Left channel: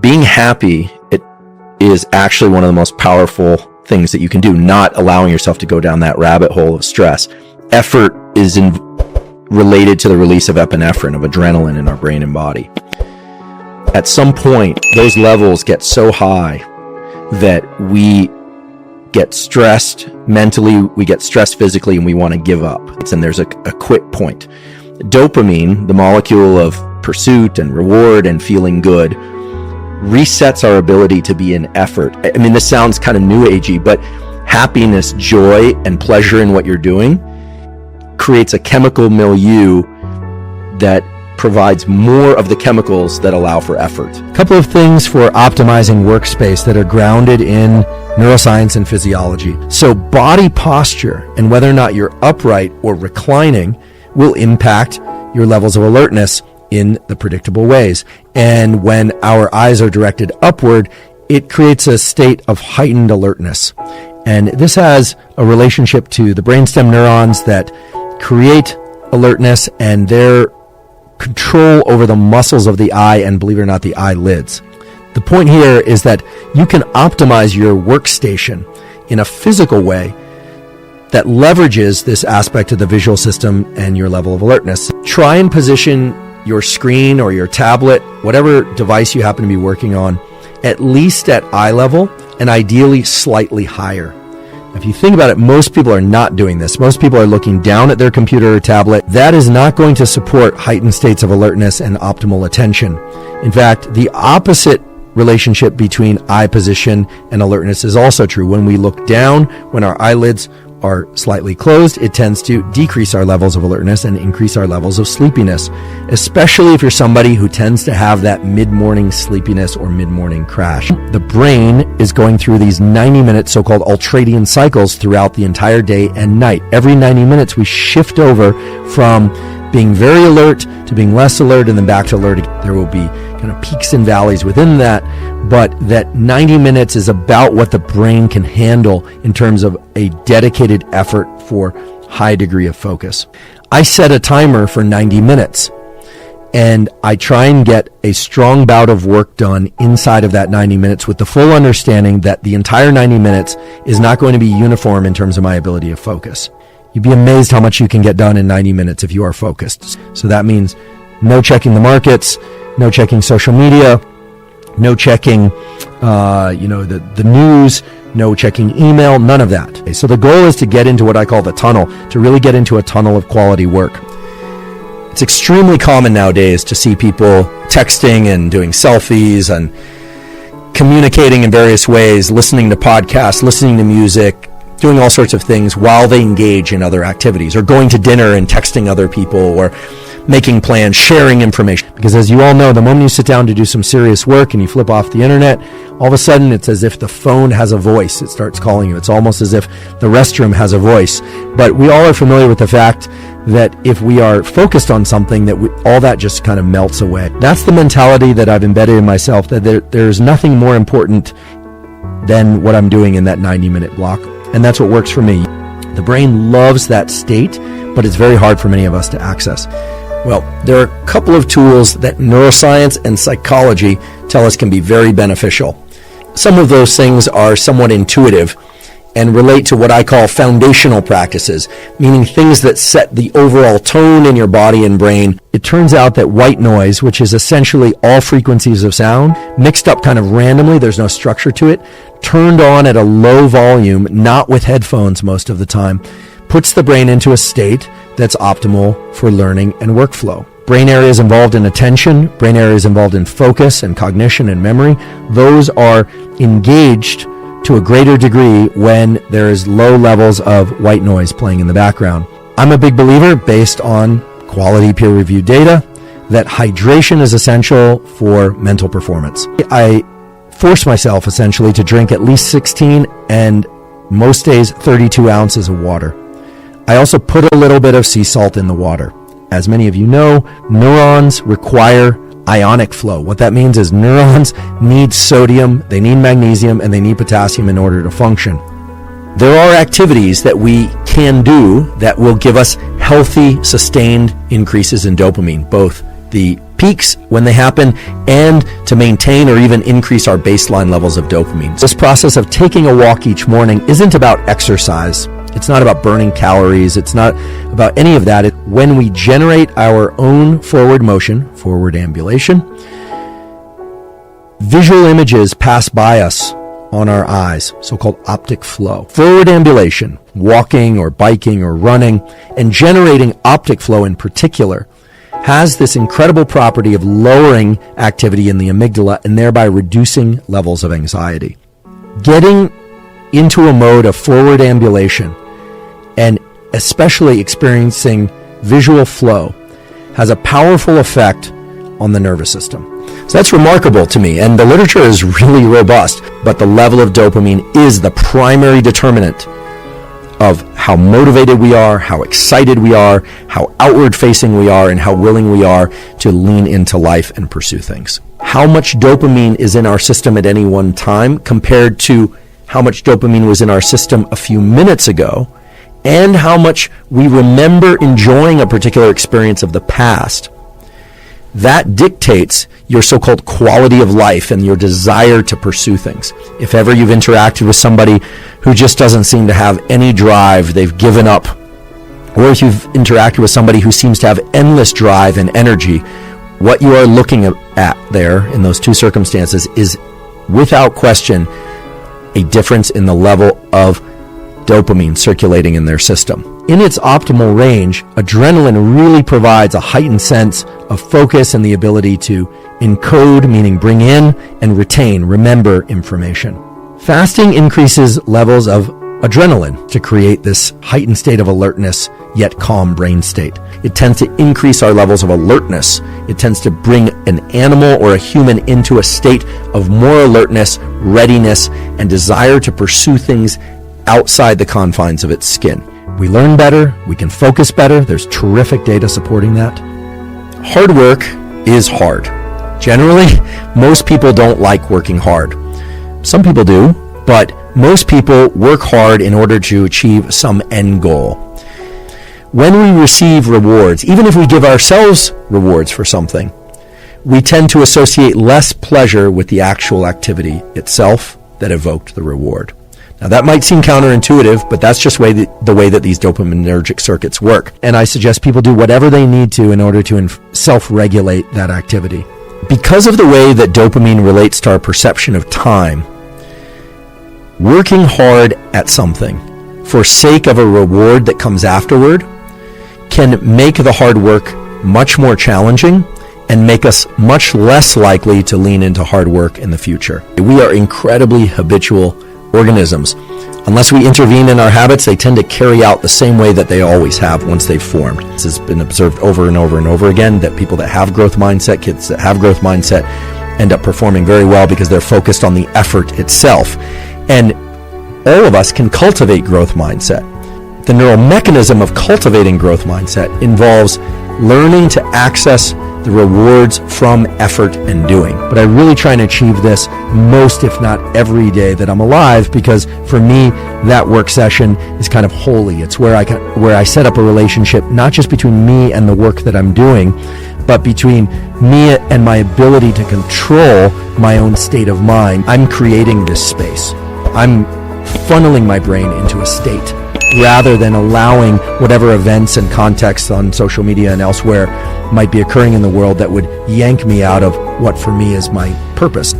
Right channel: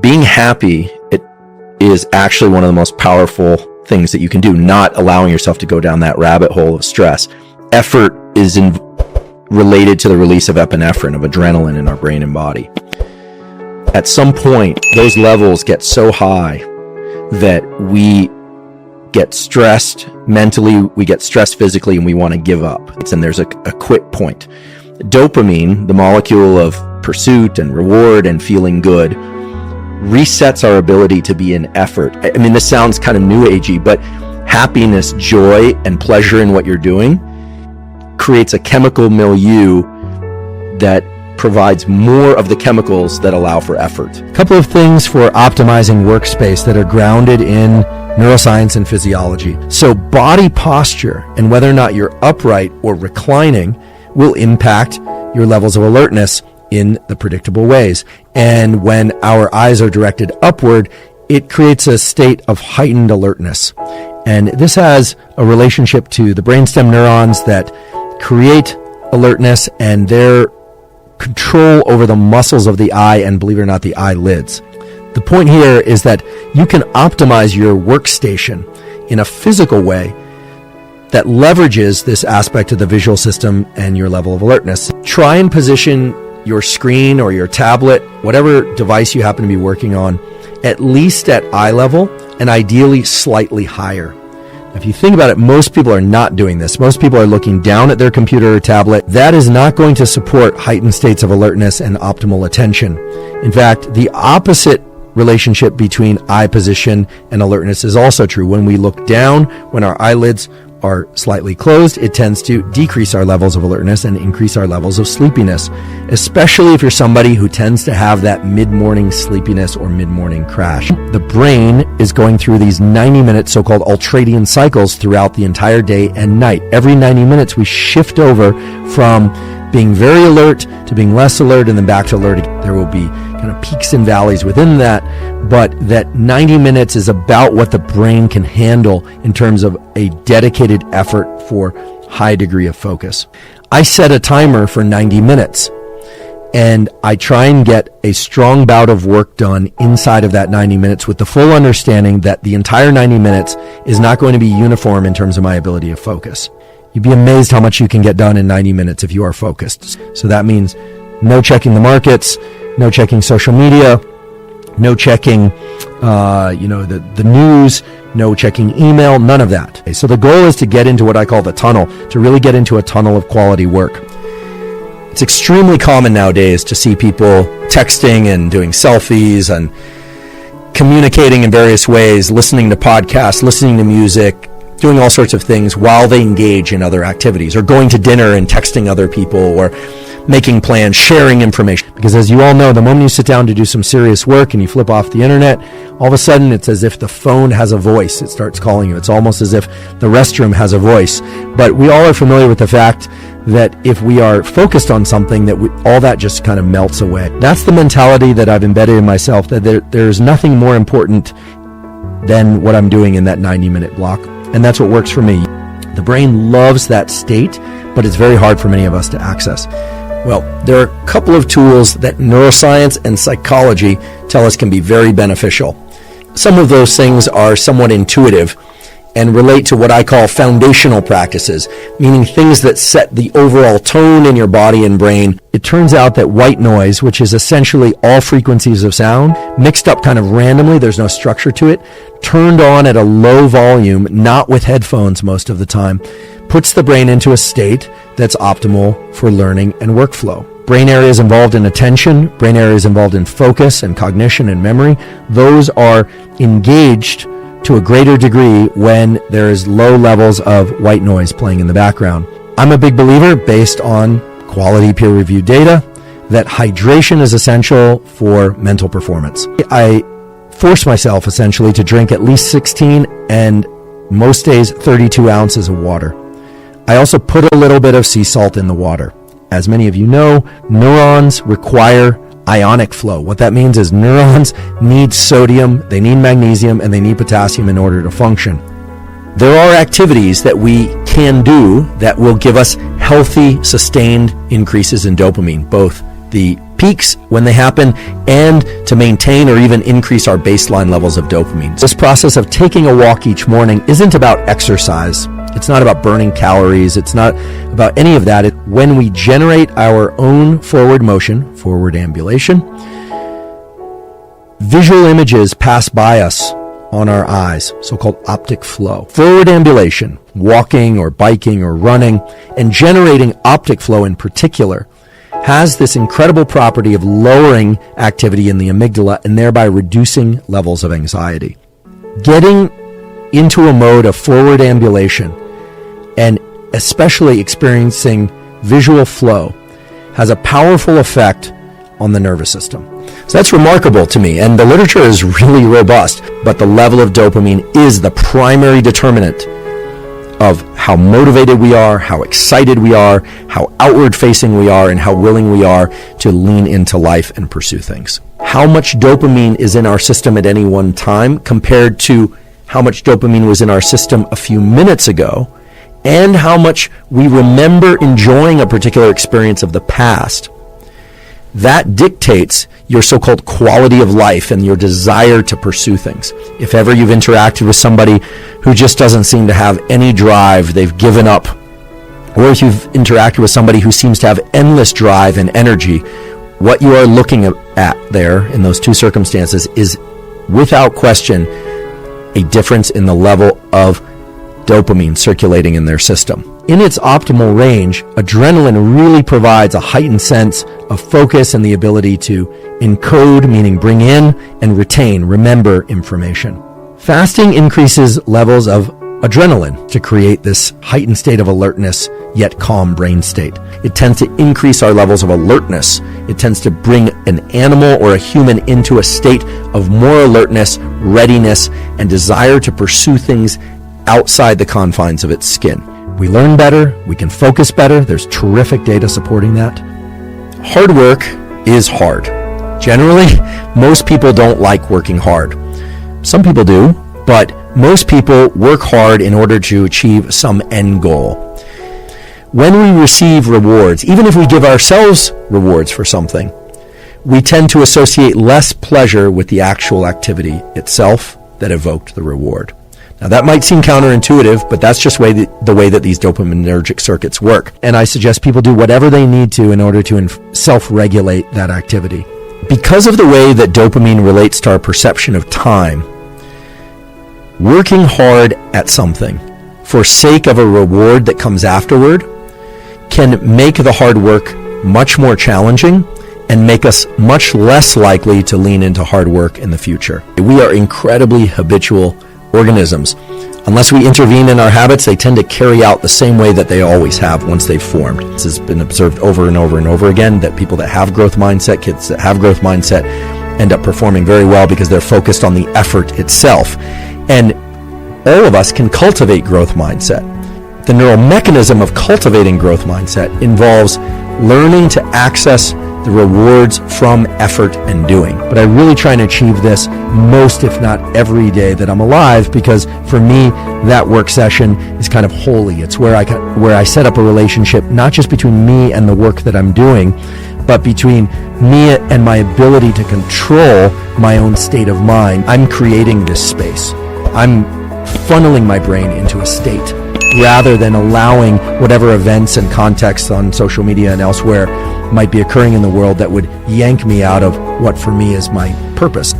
being happy, it is actually one of the most powerful things that you can do, not allowing yourself to go down that rabbit hole of stress. Effort is related to the release of epinephrine, of adrenaline in our brain and body. At some point, those levels get so high that we get stressed mentally, we get stressed physically, and we want to give up. And there's a quit point. Dopamine, the molecule of pursuit and reward and feeling good, resets our ability to be in effort. I mean, this sounds kind of new agey, but happiness, joy, and pleasure in what you're doing creates a chemical milieu that provides more of the chemicals that allow for effort. A couple of things for optimizing workspace that are grounded in neuroscience and physiology. So body posture and whether or not you're upright or reclining will impact your levels of alertness in the predictable ways. And when our eyes are directed upward, it creates a state of heightened alertness. And this has a relationship to the brainstem neurons that create alertness and their control over the muscles of the eye and, believe it or not, the eyelids. The point here is that you can optimize your workstation in a physical way that leverages this aspect of the visual system and your level of alertness. Try and position your screen or your tablet, whatever device you happen to be working on, at least at eye level and ideally slightly higher. If you think about it, most people are not doing this. Most people are looking down at their computer or tablet. That is not going to support heightened states of alertness and optimal attention. In fact, the opposite relationship between eye position and alertness is also true. When we look down, when our eyelids are slightly closed, it tends to decrease our levels of alertness and increase our levels of sleepiness, especially if you're somebody who tends to have that mid-morning sleepiness or mid-morning crash. The brain is going through these 90-minute so-called ultradian cycles throughout the entire day and night. Every 90 minutes, we shift over from being very alert to being less alert and then back to alert. There will be kind of peaks and valleys within that, but that 90 minutes is about what the brain can handle in terms of a dedicated effort for high degree of focus. I set a timer for 90 minutes and I try and get a strong bout of work done inside of that 90 minutes with the full understanding that the entire 90 minutes is not going to be uniform in terms of my ability to focus. You'd be amazed how much you can get done in 90 minutes if you are focused. So that means no checking the markets, no checking social media, no checking, the news, no checking email, none of that. Okay, so the goal is to get into what I call the tunnel, to really get into a tunnel of quality work. It's extremely common nowadays to see people texting and doing selfies and communicating in various ways, listening to podcasts, listening to music, doing all sorts of things while they engage in other activities, or going to dinner and texting other people, or making plans, sharing information. Because as you all know, the moment you sit down to do some serious work and you flip off the internet, all of a sudden it's as if the phone has a voice. It starts calling you. It's almost as if the restroom has a voice. But we all are familiar with the fact that if we are focused on something, that all that just kind of melts away. That's the mentality that I've embedded in myself, that there's nothing more important than what I'm doing in that 90-minute block. And that's what works for me. The brain loves that state, but it's very hard for many of us to access. Well, there are a couple of tools that neuroscience and psychology tell us can be very beneficial. Some of those things are somewhat intuitive and relate to what I call foundational practices, meaning things that set the overall tone in your body and brain. It turns out that white noise, which is essentially all frequencies of sound, mixed up kind of randomly, there's no structure to it, turned on at a low volume, not with headphones most of the time, puts the brain into a state that's optimal for learning and workflow. Brain areas involved in attention, brain areas involved in focus and cognition and memory, those are engaged to a greater degree when there's low levels of white noise playing in the background. I'm a big believer, based on quality peer-reviewed data, that hydration is essential for mental performance. I force myself essentially to drink at least 16 and most days 32 ounces of water. I also put a little bit of sea salt in the water. As many of you know, neurons require ionic flow. What that means is neurons need sodium, they need magnesium, and they need potassium in order to function. There are activities that we can do that will give us healthy, sustained increases in dopamine, both the peaks when they happen, and to maintain or even increase our baseline levels of dopamine. This process of taking a walk each morning isn't about exercise. It's not about burning calories. It's not about any of that. When we generate our own forward motion, forward ambulation, visual images pass by us on our eyes, so-called optic flow. Forward ambulation, walking or biking or running, and generating optic flow in particular, has this incredible property of lowering activity in the amygdala and thereby reducing levels of anxiety. Getting into a mode of forward ambulation and especially experiencing visual flow has a powerful effect on the nervous system. So that's remarkable to me, and the literature is really robust, but the level of dopamine is the primary determinant of how motivated we are, how excited we are, how outward-facing we are, and how willing we are to lean into life and pursue things. How much dopamine is in our system at any one time compared to how much dopamine was in our system a few minutes ago, and how much we remember enjoying a particular experience of the past, that dictates your so-called quality of life and your desire to pursue things. If ever you've interacted with somebody who just doesn't seem to have any drive, they've given up, or if you've interacted with somebody who seems to have endless drive and energy, what you are looking at there in those two circumstances is without question a difference in the level of dopamine circulating in their system. In its optimal range, adrenaline really provides a heightened sense of focus and the ability to encode, meaning bring in, and retain, remember information. Fasting increases levels of adrenaline to create this heightened state of alertness, yet calm brain state. It tends to increase our levels of alertness. It tends to bring an animal or a human into a state of more alertness, readiness, and desire to pursue things outside the confines of its skin. We learn better, we can focus better. There's terrific data supporting that. Hard work is hard. Generally, most people don't like working hard. Some people do, but most people work hard in order to achieve some end goal. When we receive rewards, even if we give ourselves rewards for something, we tend to associate less pleasure with the actual activity itself that evoked the reward. Now, that might seem counterintuitive, but that's just the way that these dopaminergic circuits work. And I suggest people do whatever they need to in order to self-regulate that activity. Because of the way that dopamine relates to our perception of time, working hard at something for sake of a reward that comes afterward can make the hard work much more challenging and make us much less likely to lean into hard work in the future. We are incredibly habitual organisms. Unless we intervene in our habits, they tend to carry out the same way that they always have once they've formed. This has been observed over and over and over again, that people that have growth mindset, kids that have growth mindset, end up performing very well because they're focused on the effort itself. And all of us can cultivate growth mindset. The neural mechanism of cultivating growth mindset involves learning to access the rewards from effort and doing. But I really try and achieve this most, if not every day that I'm alive, because for me, that work session is kind of holy. It's where I set up a relationship, not just between me and the work that I'm doing, but between me and my ability to control my own state of mind. I'm creating this space. I'm funneling my brain into a state rather than allowing whatever events and contexts on social media and elsewhere might be occurring in the world that would yank me out of what for me is my purpose.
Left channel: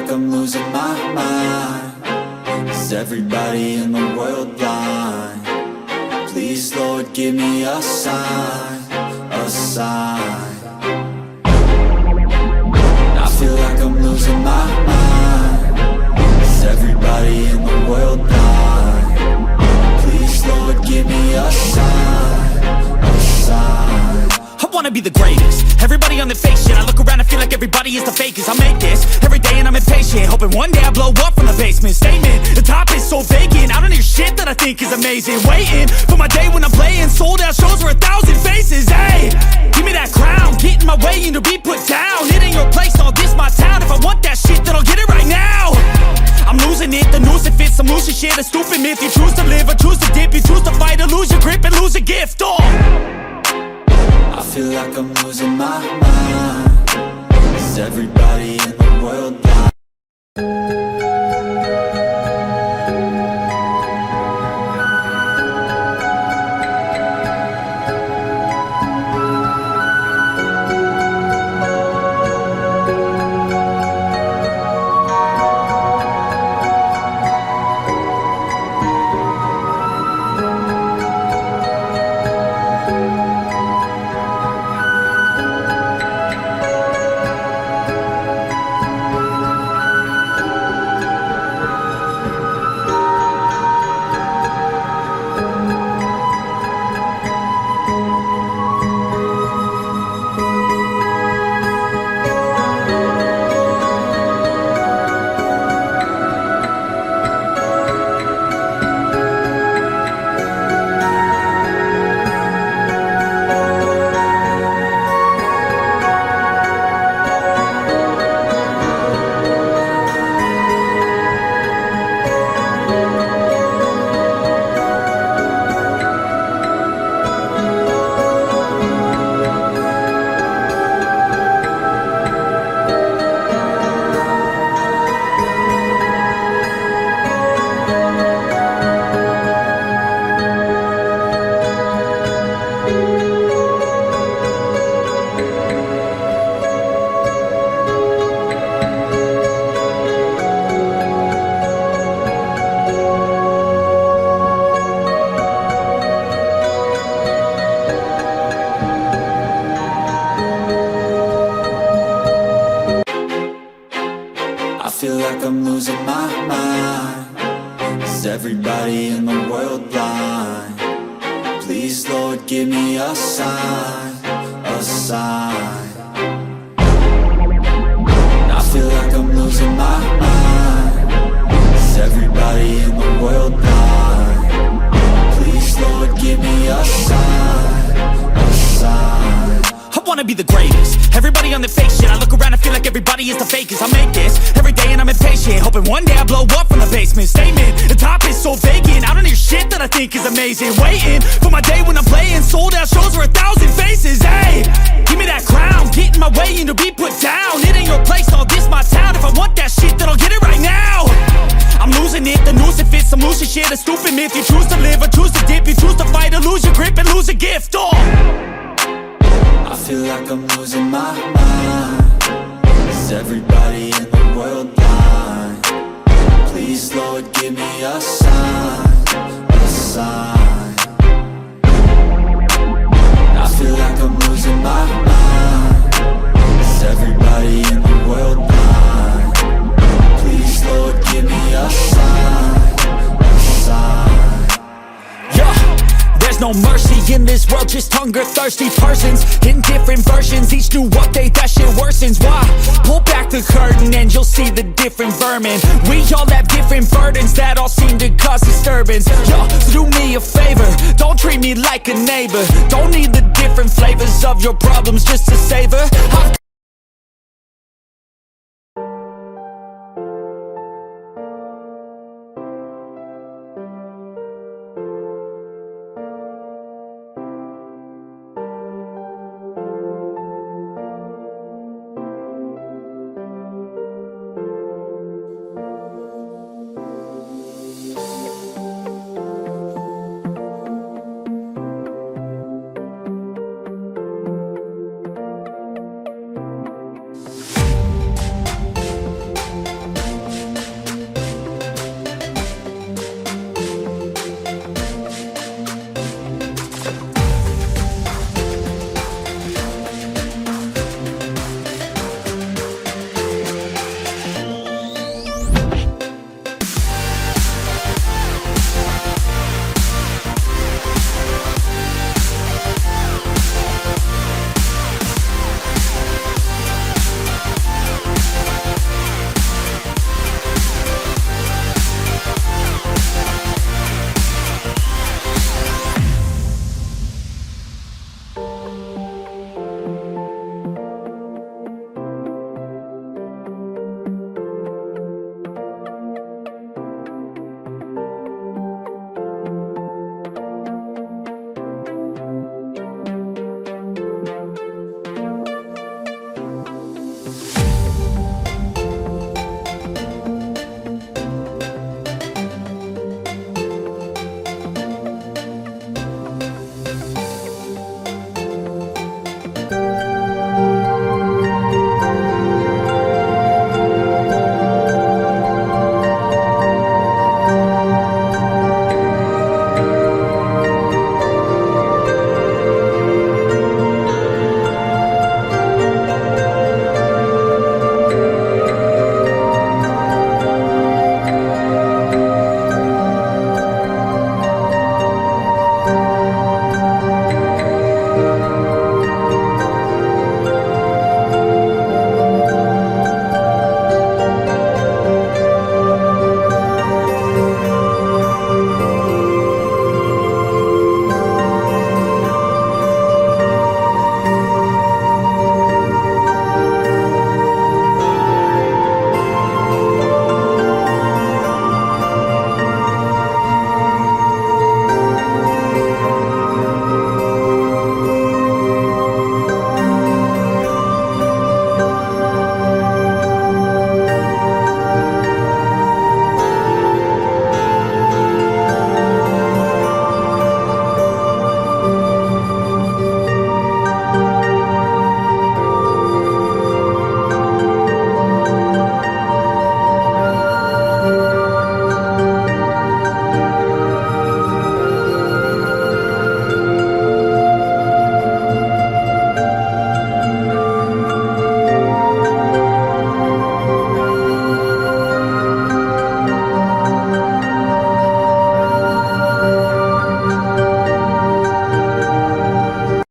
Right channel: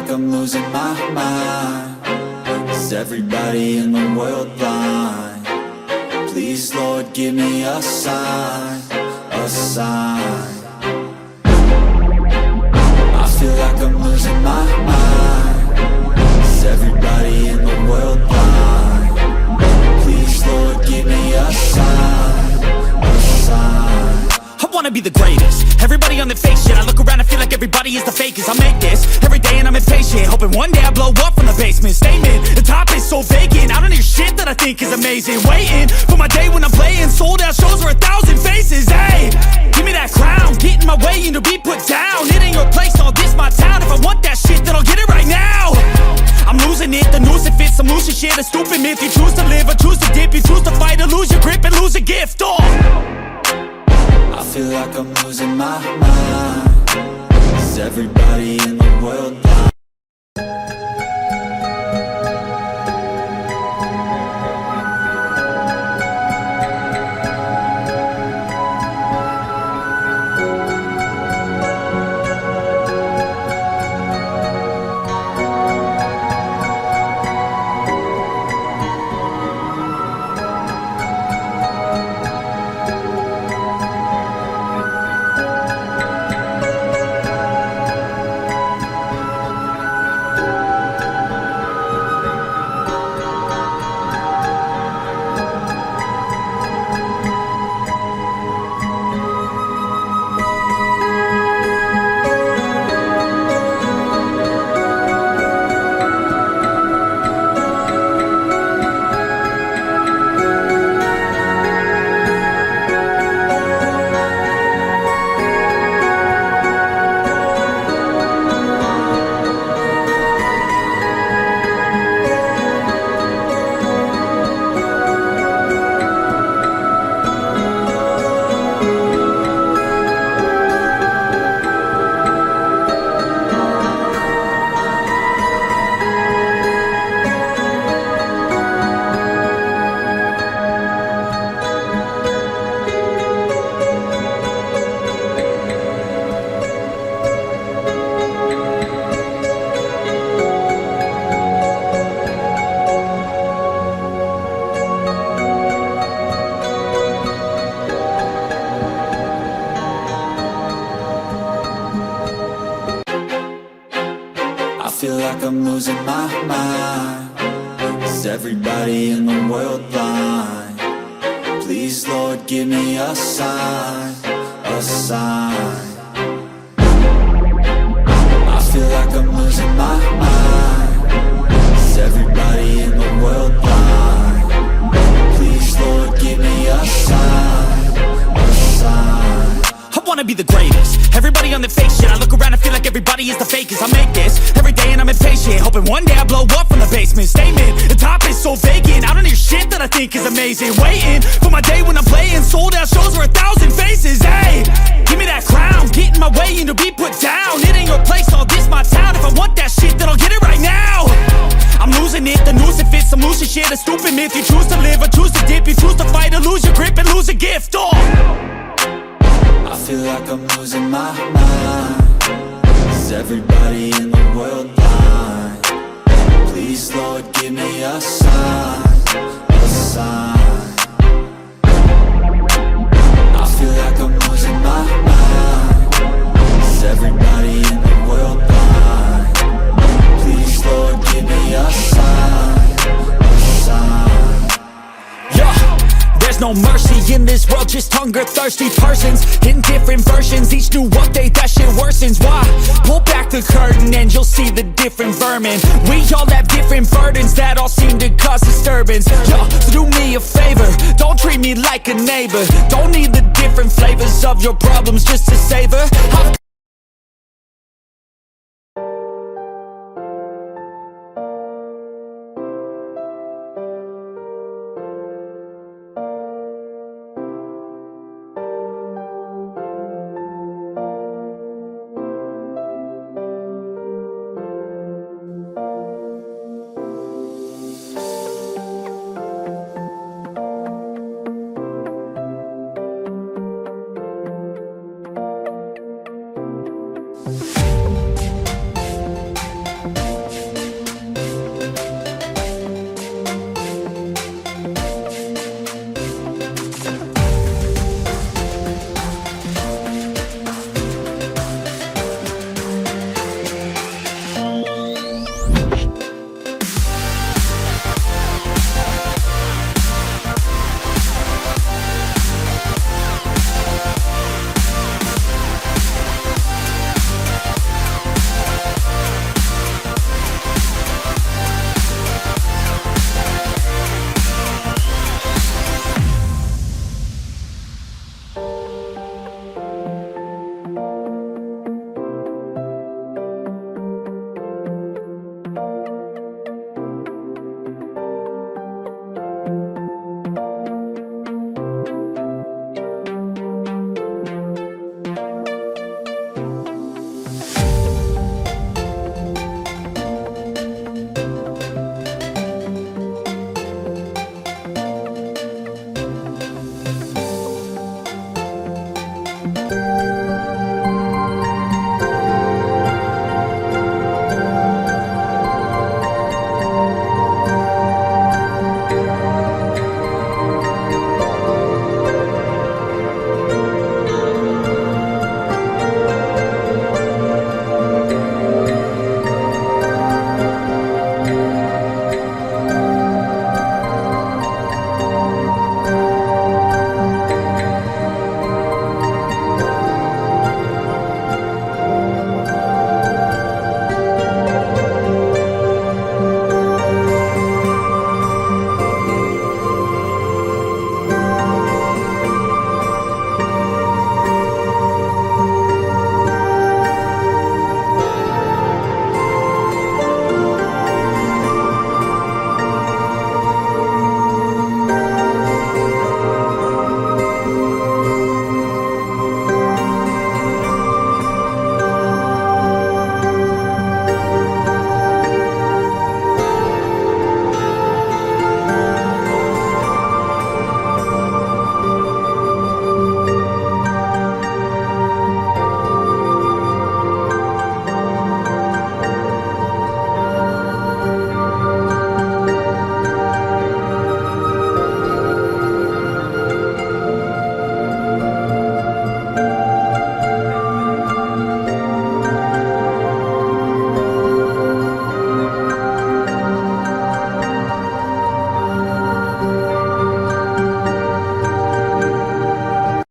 like I'm losing my mind. Is everybody in the world blind? Please, Lord, give me a sign, a sign. I feel like I'm losing my mind. Is everybody in the world blind? Please, Lord, give me a sign, a sign. I wanna be the greatest. Everybody on the fake shit. I look around and feel like everybody is the fakest. I make this every day and I'm impatient, hoping one day I blow up from the basement. Statement, the top is so vacant. I don't hear shit that I think is amazing. Waiting for my day when I'm playing sold out shows for 1,000 faces. Hey, give me that crown, get in my way and to be put down. It ain't your place, all this my town. If I want that shit, then I'll get it right now. I'm losing it, the noose it fits, I'm losing shit. A stupid myth, you choose to live or choose to dip. You choose to fight or lose your grip and lose a gift. I feel like I'm losing my mind. Is everybody in the world blind? I feel like I'm losing my mind. Is everybody in the world blind? Please, Lord, give me a sign, a sign. I feel like I'm losing my mind. Is everybody in the world blind? Please, Lord, give me a sign, a sign. I wanna be the greatest. Everybody on the fake shit. I look around and feel like everybody is the fakest. I make this every day and I'm impatient, hoping one day I blow up from the basement. Statement, the top is so vacant. I don't hear shit that I think is amazing. Waiting for my day when I'm playing sold out shows for 1,000 faces. Hey, give me that crown, get in my way and to be put down. It ain't your place, all this my town. If I want that shit, then I'll get it right now. I'm losing it, the noose it fits, I'm losing shit. A stupid myth, you choose to live or choose to dip. You choose to fight or lose your grip and lose a gift. I feel like I'm losing my mind. Is everybody in the world blind? Please, Lord, give me a sign, a sign. I feel like I'm losing my mind. Is everybody in the world blind? Please, Lord, give me a sign, a sign. Yeah. There's no mercy in this world, just hunger-thirsty persons in different versions. Each new update, that shit worsens. Why? Pull back the curtain and you'll see the different vermin. We all have different burdens that all seem to cause disturbance. Yo, so do me a favor, don't treat me like a neighbor. Don't need the different flavors of your problems just to savor.